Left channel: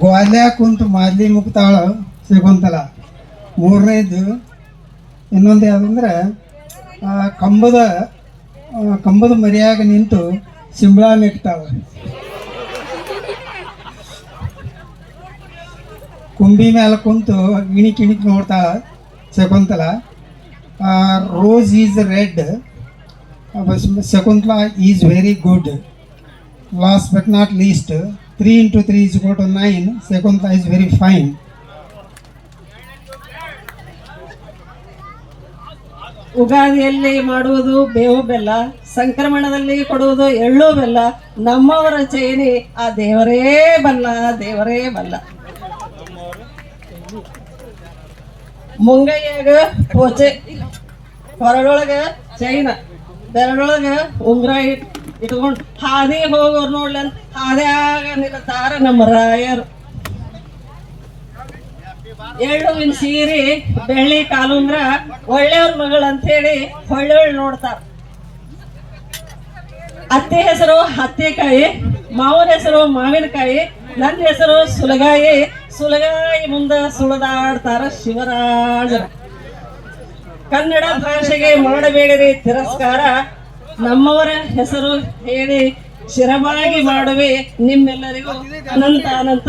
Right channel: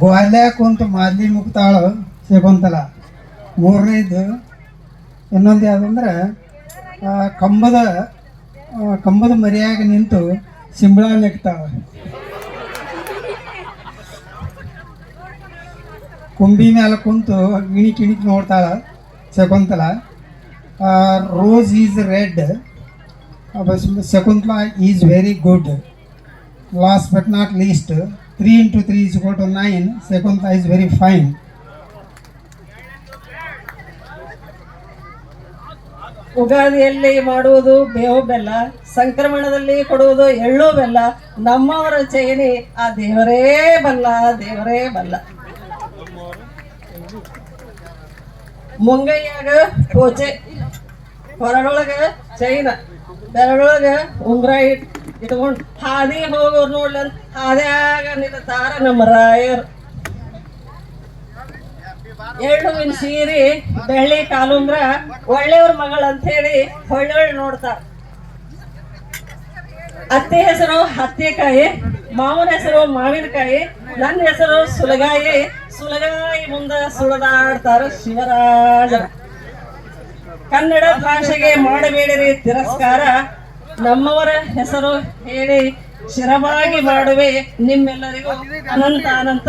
ಗ್ವಾಲ್ಯ ಕುಂತು ಮಾದ್ಲಿ ಮುಕ್ತಾಳ ಶಕುಂತಲ. ಮೂರನೇದು ಇನ್ನೊಂದು ಯಾವುದಂದ್ರೆ ಕಂಬದ ಮರಿಯಾಗ ನಿಂತು ಸಿಂಬಳ ನೆಕ್ತಾಳ. ಕುಂಬಿ ಮೇಲೆ ಕುಂತು ಇಣಿಕ್ ನೋಡ್ತಾಳ Shakuntala. Rose is red, Shakuntala is very good. Last but not least, 3 into 3 is equal to 9. Shakuntala is very fine. ಉಗಾದಿಯಲ್ಲಿ ಮಾಡುವುದು ಬೇವು ಬೆಲ್ಲ, ಸಂಕ್ರಮಣದಲ್ಲಿ ಕೊಡುವುದು ಎಳ್ಳು ಬೆಲ್ಲ. ನಮ್ಮವರ ಚೈನಿ ಆ ದೇವರೇ ಬಲ್ಲ, ದೇವರೇ ಬಲ್ಲ. ಮುಂಗೈಯಾಗ ಪೋಚೆ, ಹೊರಳೊಳಗ ಚೈನ, ಬೆರಳೊಳಗ ಉಂಗ್ರ ಇಟ್ಕೊಂಡು ಹಾದಿ ಹೋಗೋರು ನೋಡ್ಲಿ ಅಂತ ಹಾದ್ಯಾಗ ನಿಲ್ತಾರ ನಮ್ಮ ರಾಯರು. ಎಳ್ಳುವಿನ ಸೀರೆ, ಬೆಳ್ಳಿ ಕಾಲುಂಗ್ರ, ಒಳ್ಳೆಯವ್ರ ಮಗಳು ಅಂತ ಹೇಳಿ ಹೊಳ್ಳೊಳ್ಳಿ ನೋಡ್ತಾರ. ಅತ್ತಿ ಹೆಸರು ಹತ್ತಿಕಾಯಿ, ಮಾವನ ಹೆಸರು ಮಾವಿನಕಾಯಿ, ನನ್ನ ಹೆಸರು ಸುಲಗಾಯಿ. ಸುಲಗಾಯಿ ಮುಂದೆ ಸುಳಿದಾಡ್ತಾರ ಶಿವರಾಜ. ಕನ್ನಡ ಭಾಷೆಗೆ ಮಾಡಬೇಡಿರಿ ತಿರಸ್ಕಾರ, ನಮ್ಮವರ ಹೆಸರು ಹೇಳಿ ಶಿರವಾಗಿ ಮಾಡುವೆ ನಿಮ್ಮೆಲ್ಲರಿಗೂ ಅನಂತ ಅನಂತ